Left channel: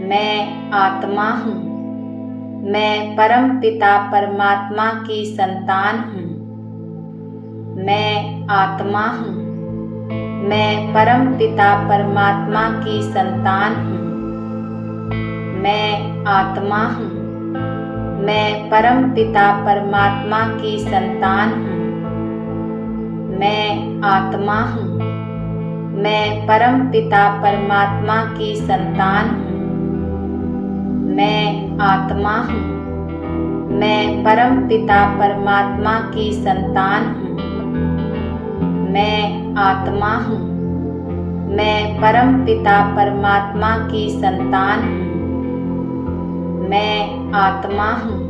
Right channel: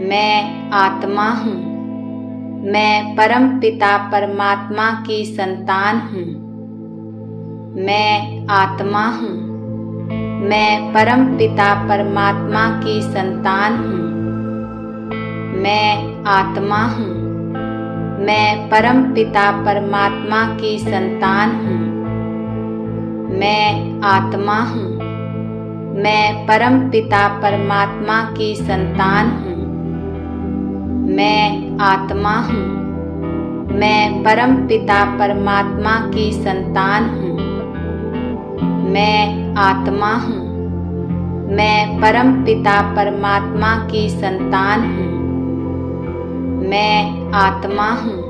मैं आत्मा हूँ। मैं परम पिता परमात्मा की संतान हूँ। मैं आत्मा हूँ। मैं परम पिता परमात्मा की संतान हूँ। मैं आत्मा हूँ। मैं परम पिता परमात्मा की संतान हूँ। मैं आत्मा हूँ। मैं परम पिता परमात्मा की संतान हूँ। मैं आत्मा हूँ। मैं परम पिता परमात्मा की संतान हूँ। मैं आत्मा हूँ। मैं परम पिता परमात्मा की संतान हूँ। मैं आत्मा हूँ।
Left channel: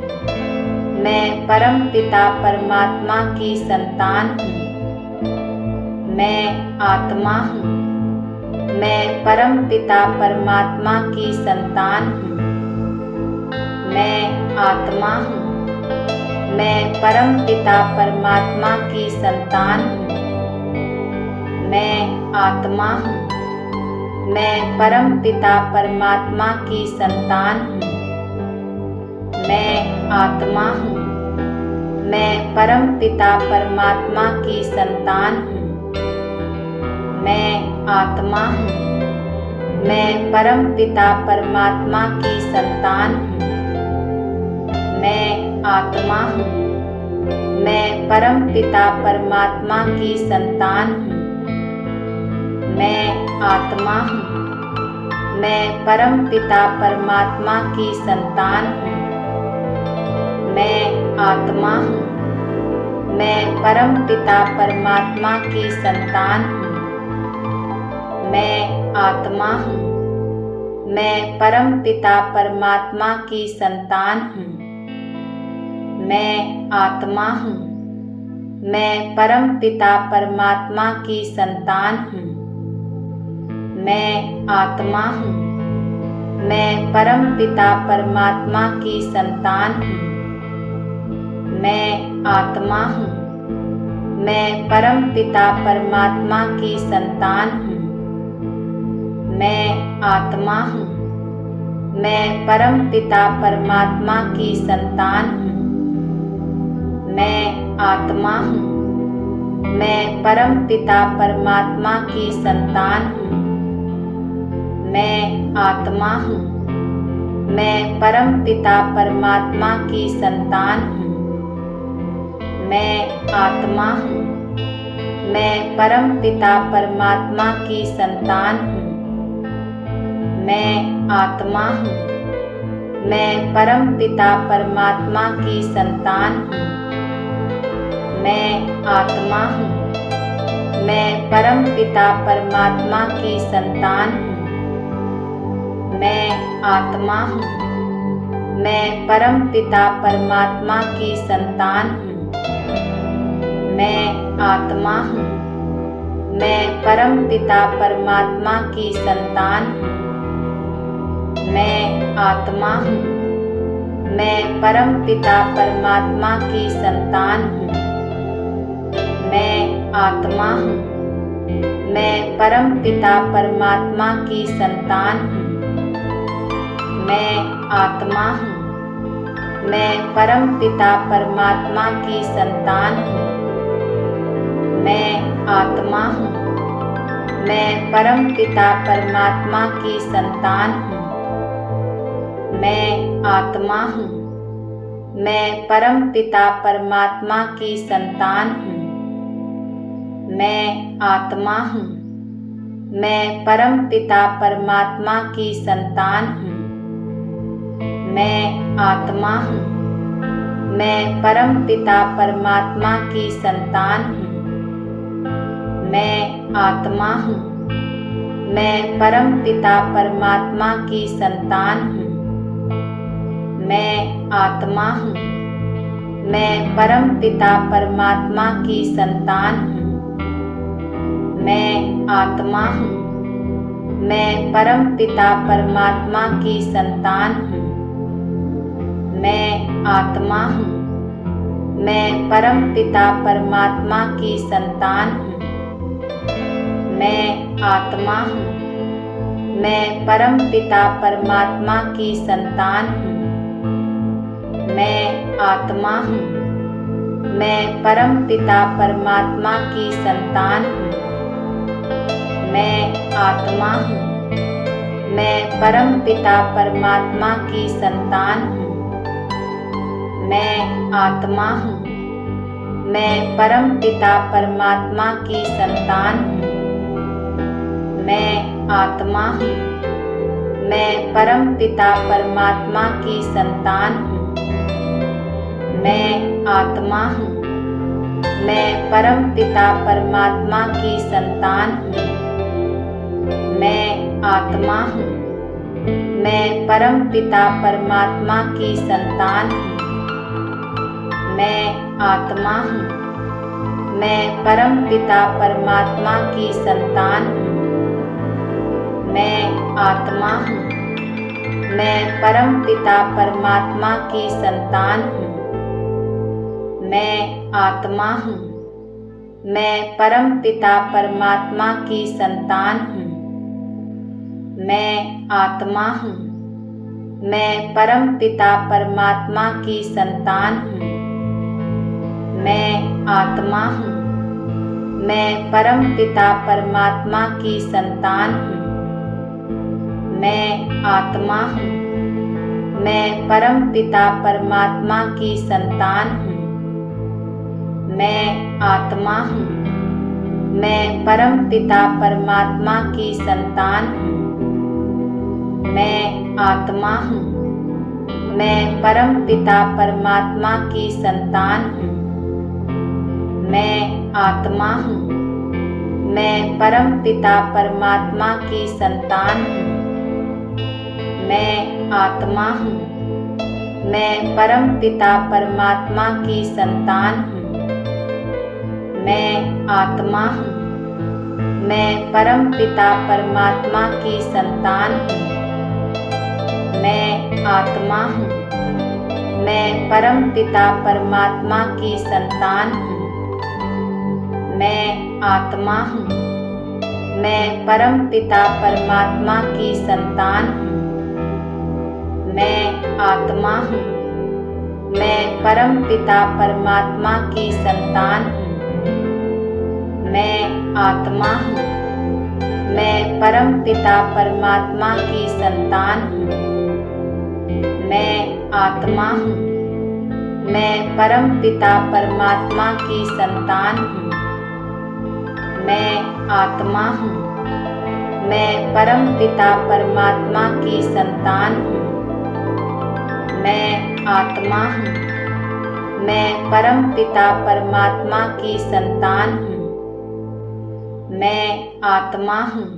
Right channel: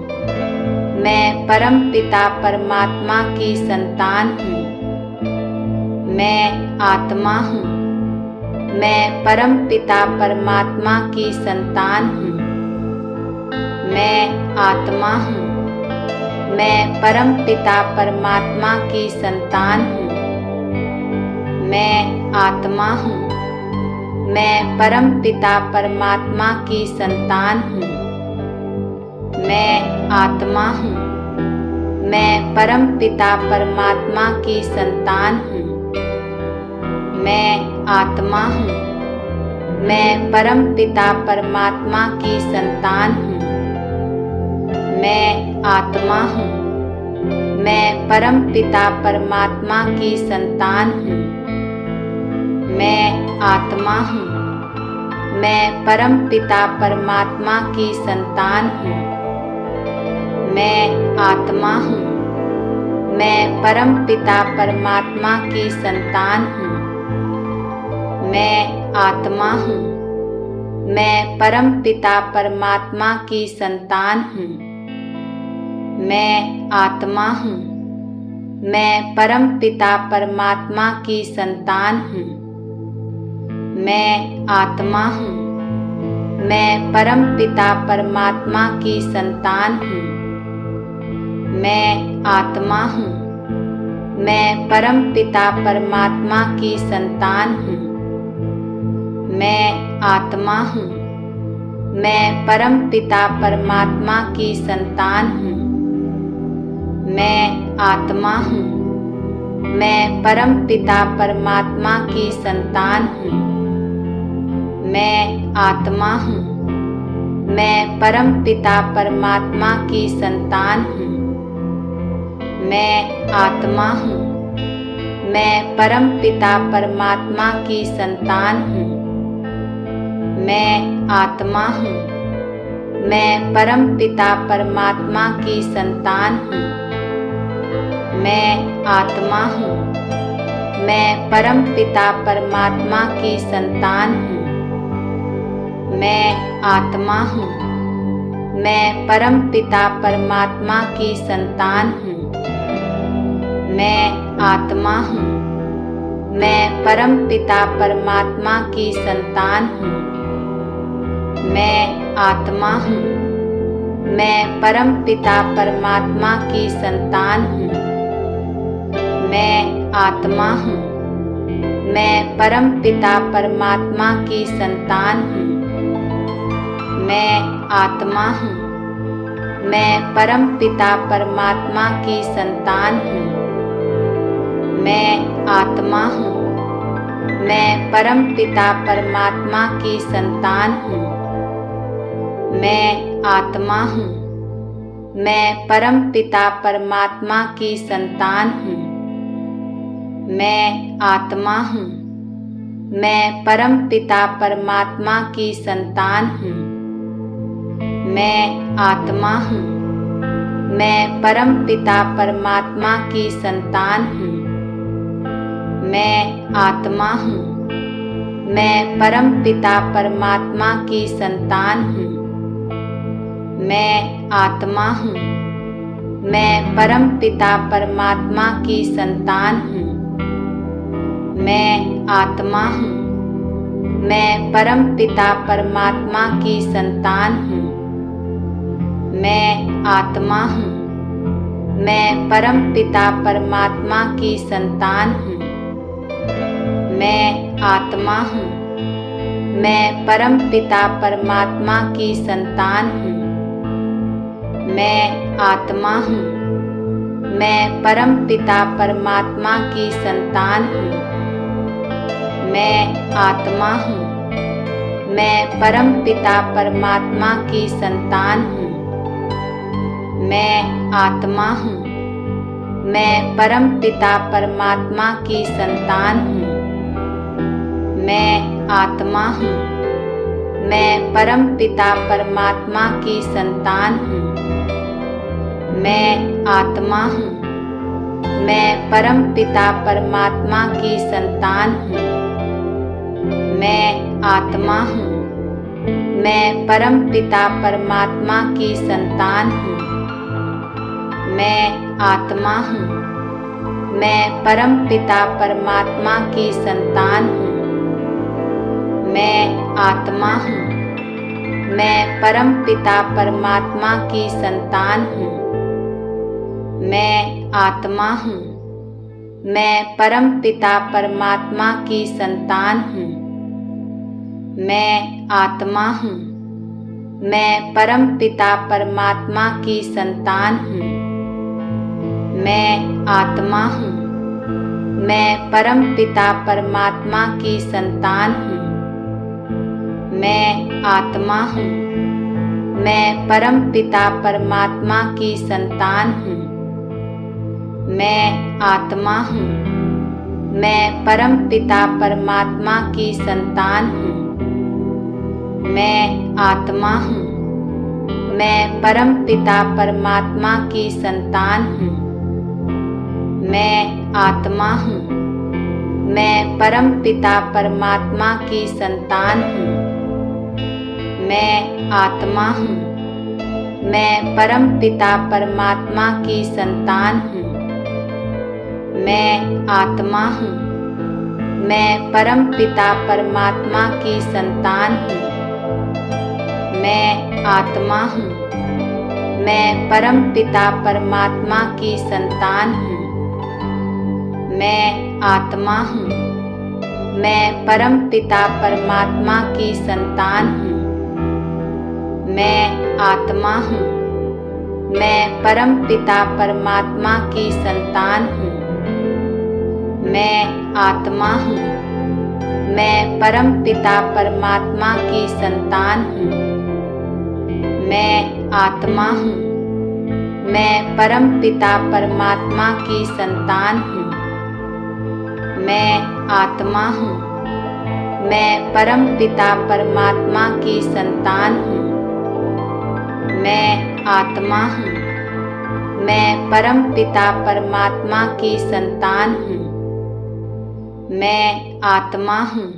मैं परम पिता परमात्मा की संतान हूँ। मैं आत्मा हूँ। मैं परम पिता परमात्मा की संतान हूँ। मैं आत्मा हूँ। मैं परम पिता परमात्मा की संतान हूँ। मैं आत्मा हूँ। मैं परम पिता परमात्मा की संतान हूँ। मैं आत्मा हूँ। मैं परम पिता परमात्मा की संतान हूँ। मैं आत्मा हूँ। मैं परम पिता परमात्मा की संतान हूँ। मैं आत्मा हूँ। मैं परम पिता परमात्मा की संतान हूँ। मैं आत्मा हूँ। मैं परम पिता परमात्मा की संतान हूँ। मैं आत्मा हूँ। मैं परम पिता परमात्मा की संतान हूँ। मैं आत्मा हूँ। मैं परम पिता परमात्मा की संतान हूँ। मैं आत्मा हूँ। मैं परम पिता परमात्मा की संतान हूँ। मैं आत्मा हूँ। मैं परम पिता परमात्मा की संतान हूँ। मैं आत्मा हूँ। मैं परम पिता परमात्मा की संतान हूँ। मैं आत्मा हूँ। मैं परम पिता परमात्मा की संतान हूँ। मैं आत्मा हूँ। मैं परम पिता परमात्मा की संतान हूँ। मैं आत्मा हूँ। मैं परम पिता परमात्मा की संतान हूँ। मैं आत्मा हूँ। मैं परम पिता परमात्मा की संतान हूँ। मैं आत्मा हूँ। मैं परम पिता परमात्मा की संतान हूँ। मैं आत्मा हूँ। मैं परम पिता परमात्मा की संतान हूँ। मैं आत्मा हूँ। मैं परम पिता परमात्मा की संतान हूँ। मैं आत्मा हूँ। मैं परम पिता परमात्मा की संतान हूँ। मैं आत्मा हूँ। मैं परम पिता परमात्मा की संतान हूँ। मैं आत्मा हूँ। मैं परम पिता परमात्मा की संतान हूँ। मैं आत्मा हूँ। मैं परम पिता परमात्मा की संतान हूँ। मैं आत्मा हूँ। मैं परम पिता परमात्मा की संतान हूँ। मैं आत्मा हूँ। मैं परम पिता परमात्मा की संतान हूँ। मैं आत्मा हूँ। मैं परम पिता परमात्मा की संतान हूँ। मैं आत्मा हूँ। मैं परम पिता परमात्मा की संतान हूँ। मैं आत्मा हूँ। मैं परम पिता परमात्मा की संतान हूँ। मैं आत्मा हूँ। मैं परम पिता परमात्मा की संतान हूँ। मैं आत्मा हूँ। मैं परम पिता परमात्मा की संतान हूँ। मैं आत्मा हूँ। मैं परम पिता परमात्मा की संतान हूँ। मैं आत्मा हूँ। मैं परम पिता परमात्मा की संतान हूँ। मैं आत्मा हूँ। मैं परम पिता परमात्मा की संतान हूँ। मैं आत्मा हूँ। मैं परम पिता परमात्मा की संतान हूँ। मैं आत्मा हूँ। मैं परम पिता परमात्मा की संतान हूँ। मैं आत्मा हूँ। मैं परम पिता परमात्मा की संतान हूँ। मैं आत्मा हूँ। मैं परम पिता परमात्मा की संतान हूँ। मैं आत्मा हूँ। मैं परम पिता परमात्मा की संतान हूँ। मैं आत्मा हूँ। मैं परम पिता परमात्मा की संतान हूँ। मैं आत्मा हूँ। मैं परम पिता परमात्मा की संतान हूँ। मैं आत्मा हूँ। मैं परम पिता परमात्मा की संतान हूँ। मैं आत्मा हूँ। मैं परम पिता परमात्मा की संतान हूँ। मैं आत्मा हूँ। मैं परम पिता परमात्मा की संतान हूँ। मैं आत्मा हूँ। मैं परम पिता परमात्मा की संतान हूँ। मैं आत्मा हूँ। मैं परम पिता परमात्मा की संतान हूँ। मैं आत्मा हूँ। मैं परम पिता परमात्मा की संतान हूँ। मैं आत्मा हूँ। मैं परम पिता परमात्मा की संतान हूँ। मैं आत्मा हूँ। मैं परम पिता परमात्मा की संतान हूँ। मैं आत्मा हूँ। मैं परम पिता परमात्मा की संतान हूँ। मैं आत्मा हूँ। मैं परम पिता परमात्मा की संतान हूँ। मैं आत्मा हूँ। मैं परम पिता परमात्मा की संतान हूँ। मैं आत्मा हूँ। मैं परम पिता परमात्मा की संतान हूँ। मैं आत्मा हूँ। मैं परम पिता परमात्मा की संतान हूँ। मैं आत्मा हूँ। मैं परम पिता परमात्मा की संतान हूँ। मैं आत्मा हूँ। मैं परम पिता परमात्मा की संतान हूँ। मैं आत्मा हूँ। मैं परम पिता परमात्मा की संतान हूँ। मैं आत्मा हूँ।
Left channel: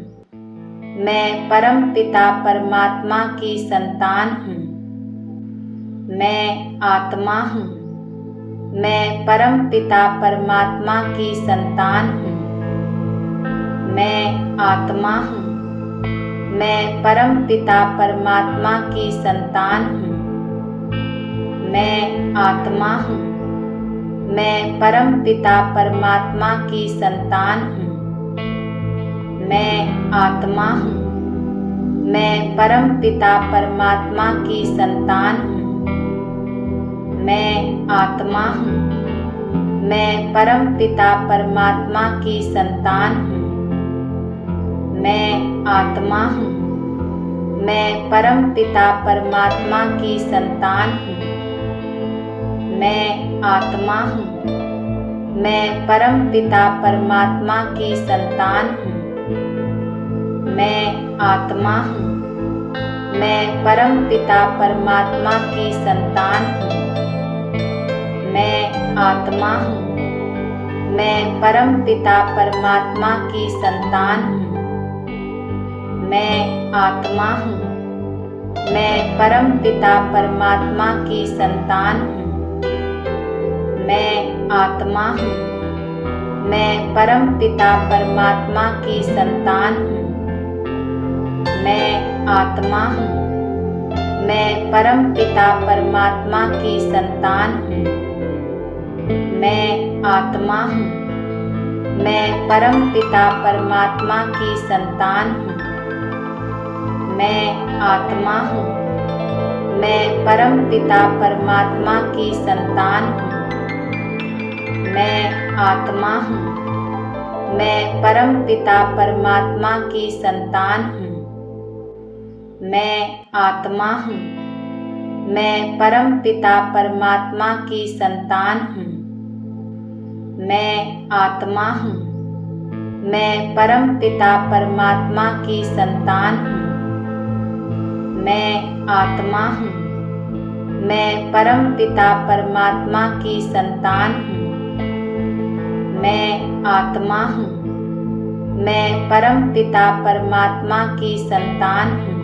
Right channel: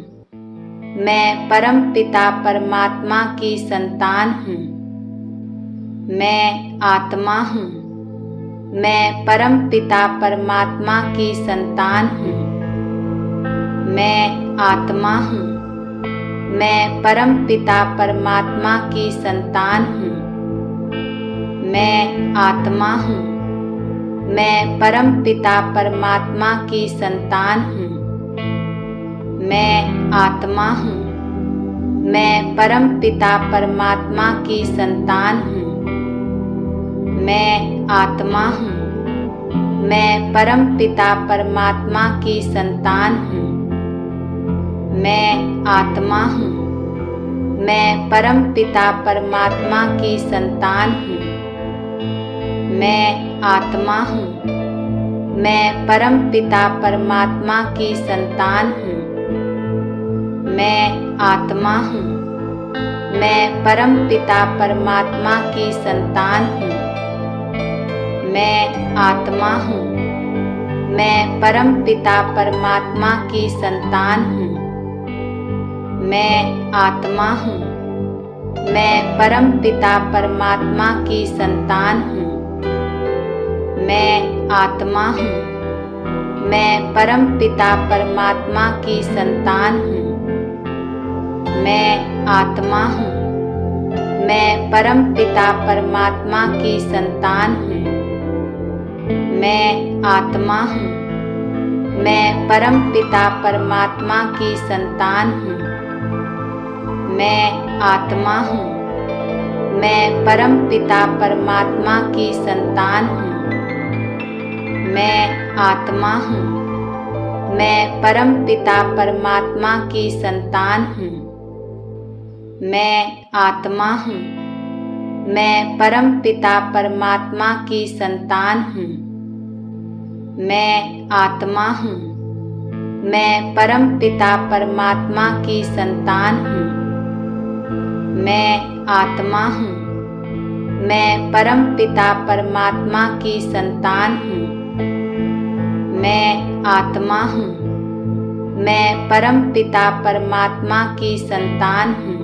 मैं परम पिता परमात्मा की संतान हूँ। मैं आत्मा हूँ। मैं परम पिता परमात्मा की संतान हूँ। मैं आत्मा हूँ। मैं परम पिता परमात्मा की संतान हूँ। मैं आत्मा हूँ। मैं परम पिता परमात्मा की संतान हूँ। मैं आत्मा हूँ। मैं परम पिता परमात्मा की संतान हूँ। मैं आत्मा हूँ। मैं परम पिता परमात्मा की संतान हूँ। मैं आत्मा हूँ। मैं परम पिता परमात्मा की संतान हूँ। मैं आत्मा हूँ। मैं परम पिता परमात्मा की संतान हूँ। मैं आत्मा हूँ। मैं परम पिता परमात्मा की संतान हूँ। मैं आत्मा हूँ। मैं परम पिता परमात्मा की संतान हूँ। मैं आत्मा हूँ। मैं परम पिता परमात्मा की संतान हूँ। मैं आत्मा हूँ। मैं परम पिता परमात्मा की संतान हूँ। मैं आत्मा हूँ। मैं परम पिता परमात्मा की संतान हूँ। मैं आत्मा हूँ। मैं परम पिता परमात्मा की संतान हूँ। मैं आत्मा हूँ। मैं परम पिता परमात्मा की संतान हूँ। मैं आत्मा हूँ। मैं परम पिता परमात्मा की संतान हूँ। मैं आत्मा हूँ। मैं परम पिता परमात्मा की संतान हूँ। मैं आत्मा हूँ। मैं परम पिता परमात्मा की संतान हूँ। मैं आत्मा हूँ। मैं परम पिता परमात्मा की संतान हूँ। मैं आत्मा हूँ। मैं परम पिता परमात्मा की संतान हूँ।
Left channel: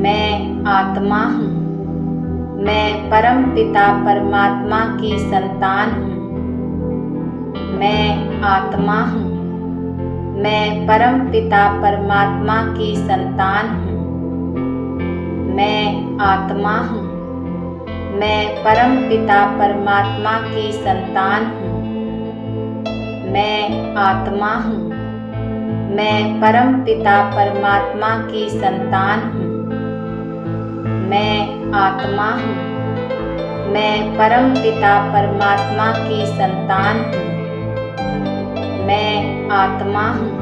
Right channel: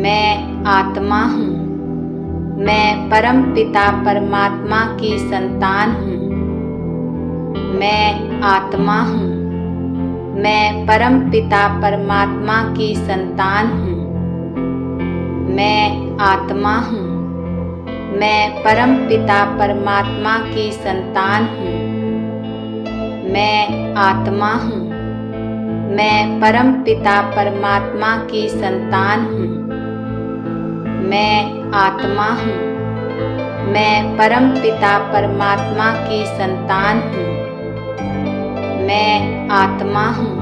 मैं आत्मा हूँ। मैं परम पिता परमात्मा की संतान हूँ। मैं आत्मा हूँ। मैं परम पिता परमात्मा की संतान हूँ। मैं आत्मा हूँ। मैं परम पिता परमात्मा की संतान हूँ। मैं आत्मा हूँ। मैं परम पिता परमात्मा की संतान हूँ। मैं आत्मा हूँ। मैं परम पिता परमात्मा की संतान हूँ। मैं आत्मा हूँ।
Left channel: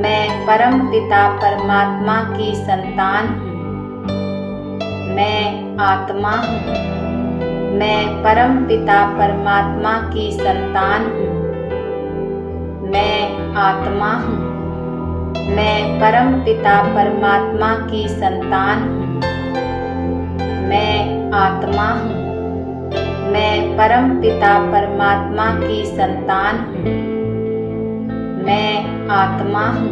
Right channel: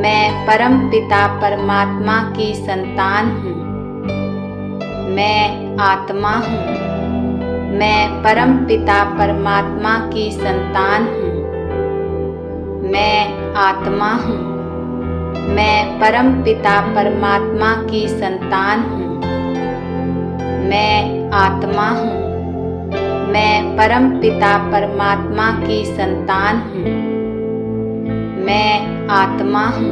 मैं परम पिता परमात्मा की संतान हूँ। मैं आत्मा हूँ। मैं परम पिता परमात्मा की संतान हूँ। मैं आत्मा हूँ। मैं परम पिता परमात्मा की संतान हूँ। मैं आत्मा हूँ। मैं परम पिता परमात्मा की संतान हूँ। मैं आत्मा हूँ। मैं परम पिता परमात्मा की संतान हूँ। मैं आत्मा हूँ।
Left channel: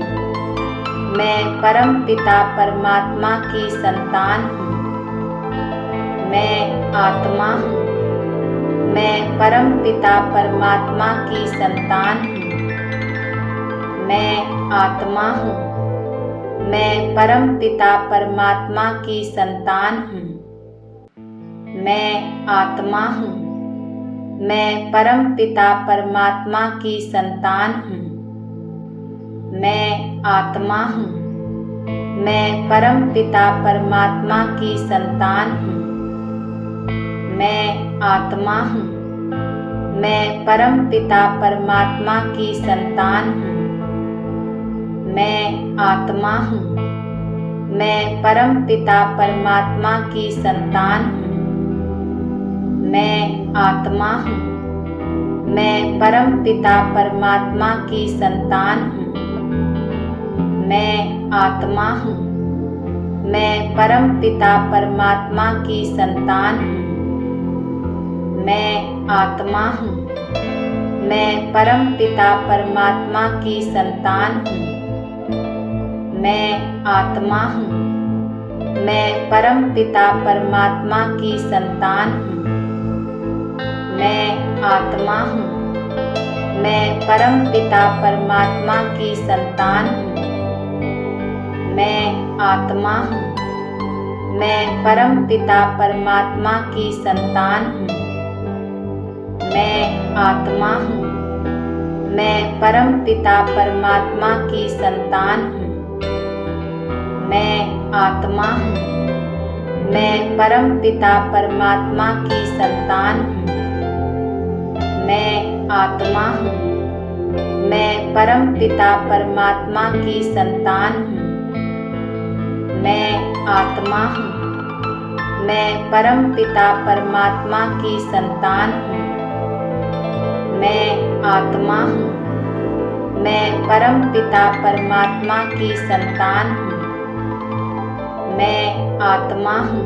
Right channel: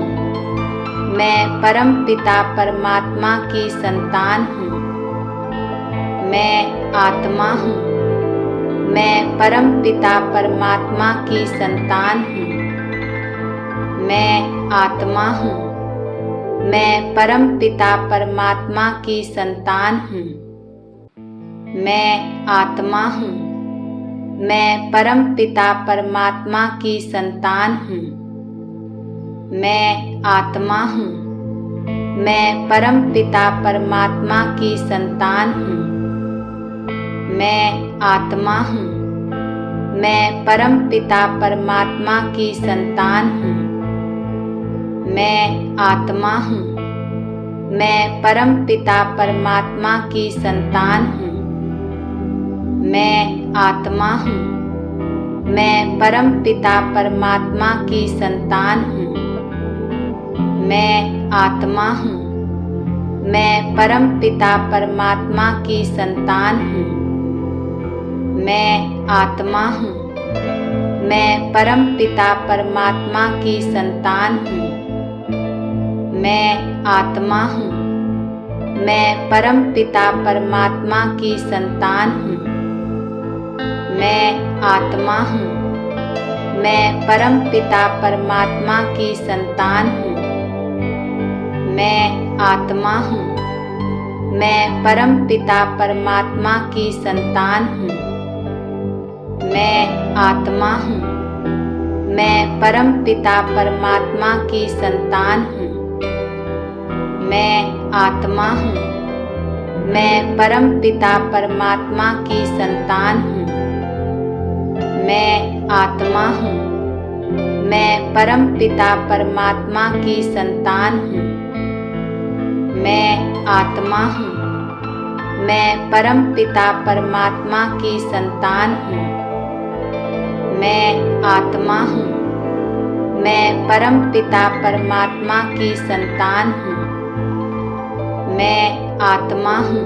मैं परम पिता परमात्मा की संतान हूँ। मैं आत्मा हूँ। मैं परम पिता परमात्मा की संतान हूँ। मैं आत्मा हूँ। मैं परम पिता परमात्मा की संतान हूँ। मैं आत्मा हूँ। मैं परम पिता परमात्मा की संतान हूँ। मैं आत्मा हूँ। मैं परम पिता परमात्मा की संतान हूँ। मैं आत्मा हूँ। मैं परम पिता परमात्मा की संतान हूँ। मैं आत्मा हूँ। मैं परम पिता परमात्मा की संतान हूँ। मैं आत्मा हूँ। मैं परम पिता परमात्मा की संतान हूँ। मैं आत्मा हूँ। मैं परम पिता परमात्मा की संतान हूँ। मैं आत्मा हूँ। मैं परम पिता परमात्मा की संतान हूँ। मैं आत्मा हूँ। मैं परम पिता परमात्मा की संतान हूँ। मैं आत्मा हूँ। मैं परम पिता परमात्मा की संतान हूँ। मैं आत्मा हूँ। मैं परम पिता परमात्मा की संतान हूँ। मैं आत्मा हूँ। मैं परम पिता परमात्मा की संतान हूँ। मैं आत्मा हूँ। मैं परम पिता परमात्मा की संतान हूँ। मैं आत्मा हूँ। मैं परम पिता परमात्मा की संतान हूँ। मैं आत्मा हूँ। मैं परम पिता परमात्मा की संतान हूँ। मैं आत्मा हूँ।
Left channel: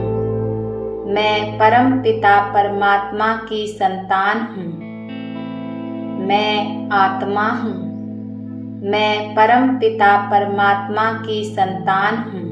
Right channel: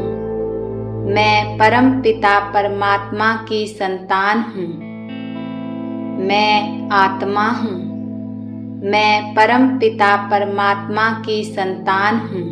मैं परम पिता परमात्मा की संतान हूँ। मैं आत्मा हूँ। मैं परम पिता परमात्मा की संतान हूँ।